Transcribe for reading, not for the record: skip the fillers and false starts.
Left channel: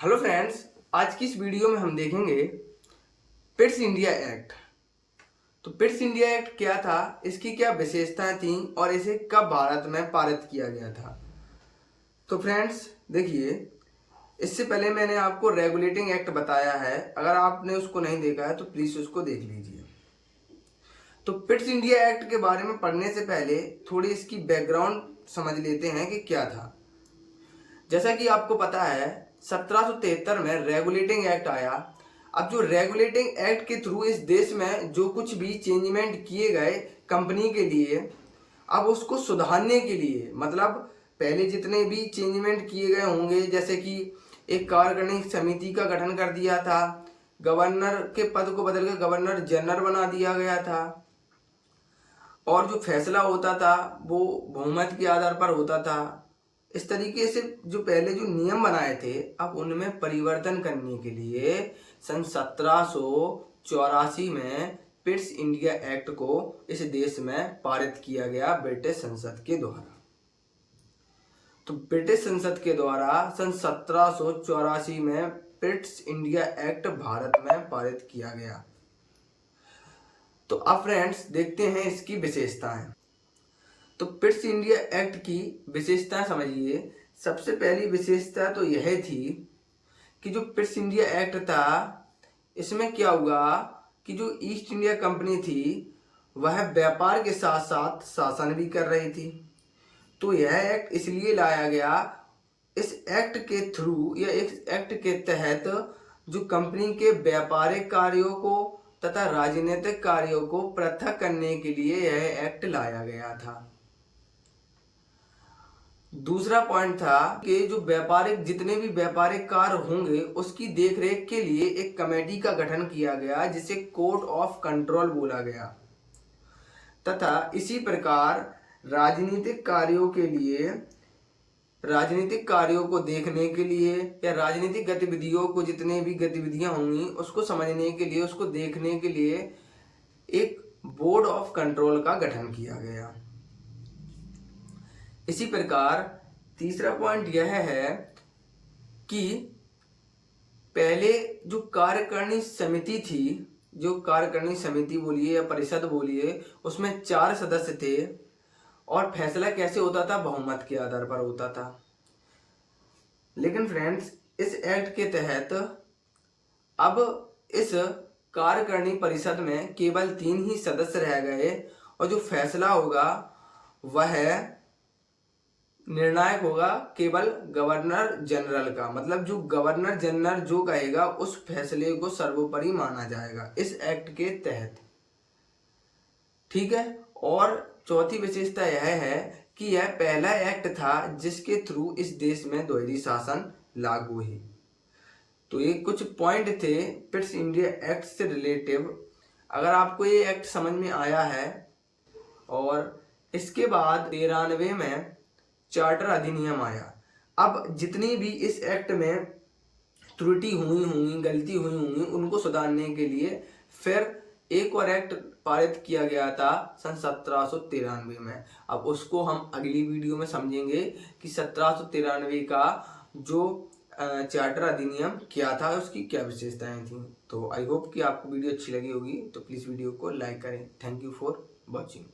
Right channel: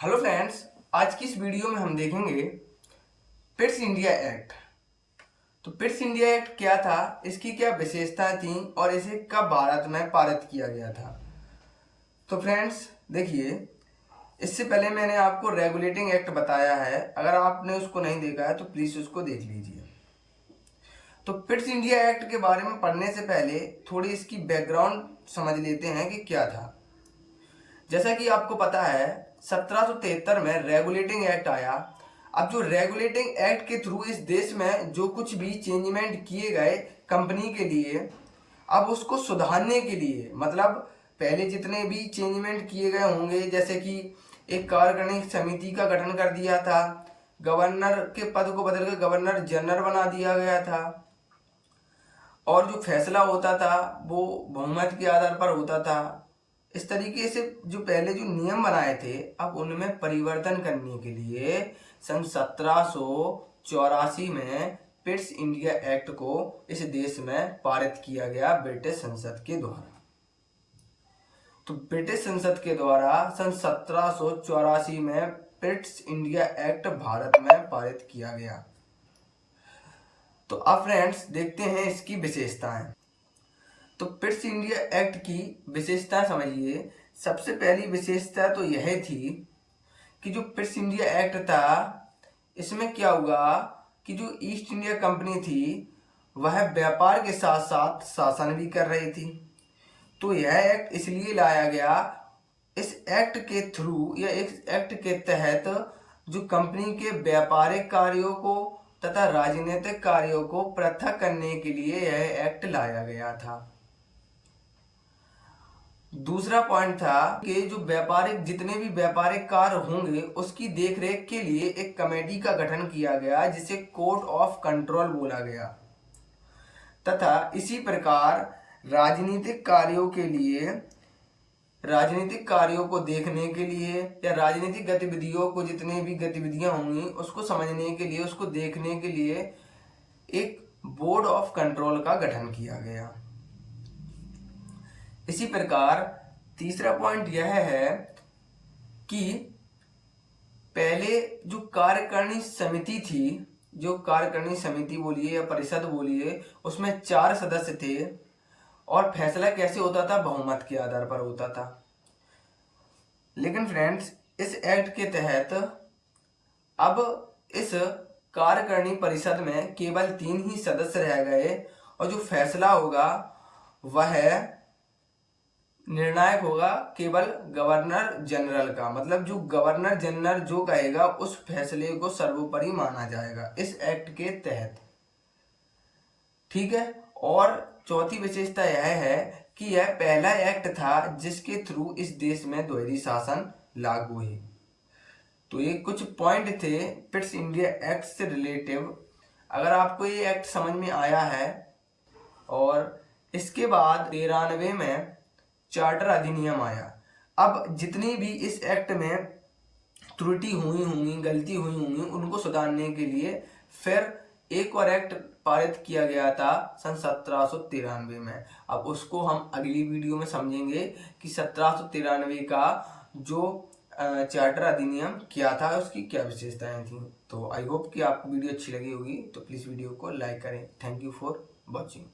Hello friends, आज की इस वीडियो में हम देखेंगे पिट्स इंडिया एक्ट। तो पिट्स इंडिया एक्ट क्या था, इसकी क्या विशेषताएं थी और इसे कब भारत में पारित किया गया था। तो फ्रेंड्स देखिए, इससे पहले मैंने आपको रेगुलेटिंग एक्ट बताया है। अगर आपने उसको नहीं देखा है तो प्लीज़ उसको देख लीजिए। तो पिट्स इंडिया एक्ट के बारे में पढ़ने से पहले थोड़ी इसकी बैकग्राउंड समझ लेते हैं कि क्या था। जैसा कि आपको पता है, 1773 में रेगुलेटिंग एक्ट आया। अब जो रेगुलेटिंग एक्ट के थ्रू इस देश में जो कुछ भी चेंजमेंट किए गए कंपनी के लिए, अब उसको सुधारने के लिए, मतलब पहले जितने भी चेंजमेंट किए गए होंगे, जैसे कि एक कार्यकारिणी समिति का गठन कर दिया था, गवर्नर के पद को बदल कर गवर्नर जनरल बना दिया गया था, और जो फैसला होता था वो बहुमत के आधार पर होता था। इस तरीके से जो पहले जो नियम बनाए थे, अब उनमें परिवर्तन करने के लिए सन 1784 में पिट्स इंडिया एक्ट को इस देश में पारित किया गया ब्रिटिश संसद के द्वारा। तो ब्रिटिश संसद के द्वारा सन 1784 में पिट्स इंडिया एक्ट भारत में पारित किया गया। तो अब फ्रेंड्स देखते हैं इसकी विशेषताएं। तो पिट्स इंडिया एक्ट की विशेषताएं समझिए। सबसे पहली विशेषता तो यह थी कि जो पिट्स इंडिया एक्ट था, इसमें क्या हुआ कि जो ईस्ट इंडिया कंपनी थी वह व्यापार के साथ साथ शासन भी कर रही थी। तो यह एक्ट इसलिए लाया गया, इस एक्ट के थ्रू या इस एक्ट के तहत जो कंपनी के व्यापारिक कार्यों को तथा राजनीतिक कार्यों को पृथक करने के लिए यह एक्ट लाया गया था। दूसरा पॉइंट था कि जो व्यापारिक जितने भी व्यापारिक कार्य होंगे उसकी देखरेख के लिए एक कमेटी का गठन किया गया, जिसे कोर्ट ऑफ कंट्रोल बोला गया, तथा इसी प्रकार राजनीतिक कार्यों के लिए, राजनीतिक कार्यों को देखने के लिए या राजनीतिक गतिविधियों को, जितने भी गतिविधियां होंगी उसको समझने के लिए, उसको देखने के लिए एक बोर्ड ऑफ कंट्रोल का गठन किया गया। इसी प्रकार तीसरा पॉइंट यह है कि पहले जो कार्यकारिणी समिति थी, जो कार्यकारिणी समिति बोलिए या परिषद बोलिए, उसमें 4 सदस्य थे और फैसला कैसे होता था, बहुमत के आधार पर होता था। लेकिन फ्रेंड्स इस एक्ट के तहत अब इस कार्यकारिणी परिषद में केवल 3 ही सदस्य रह गए और जो फैसला होगा वह निर्णायक होगा केवल गवर्नर जनरल का। मतलब जो गवर्नर जनरल जो कहेगा उस फैसले को सर्वोपरि माना जाएगा इस एक्ट के तहत। ठीक है। और चौथी विशेषता यह है कि यह पहला एक्ट था जिसके थ्रू इस देश में द्वैधी शासन लागू हुई। तो ये कुछ पॉइंट थे पिट्स इंडिया एक्ट से रिलेटिव। अगर आपको ये एक्ट समझ में आया है, और इसके बाद 93 में चार्टर अधिनियम आया। अब जितनी भी इस एक्ट में त्रुटि हुई होंगी, गलती हुई होंगी, उनको सुधारने के लिए फिर एक और एक्ट पारित किया गया था सन 1793 में। अब उसको हम अगली वीडियो में समझेंगे कि 1793 का जो चार्टर अधिनियम क्या था, उसकी क्या विशेषताएं थी। तो आई होप कि आपको वीडियो अच्छी लगी होगी। तो प्लीज़ वीडियो को लाइक करें। Thank you for watching.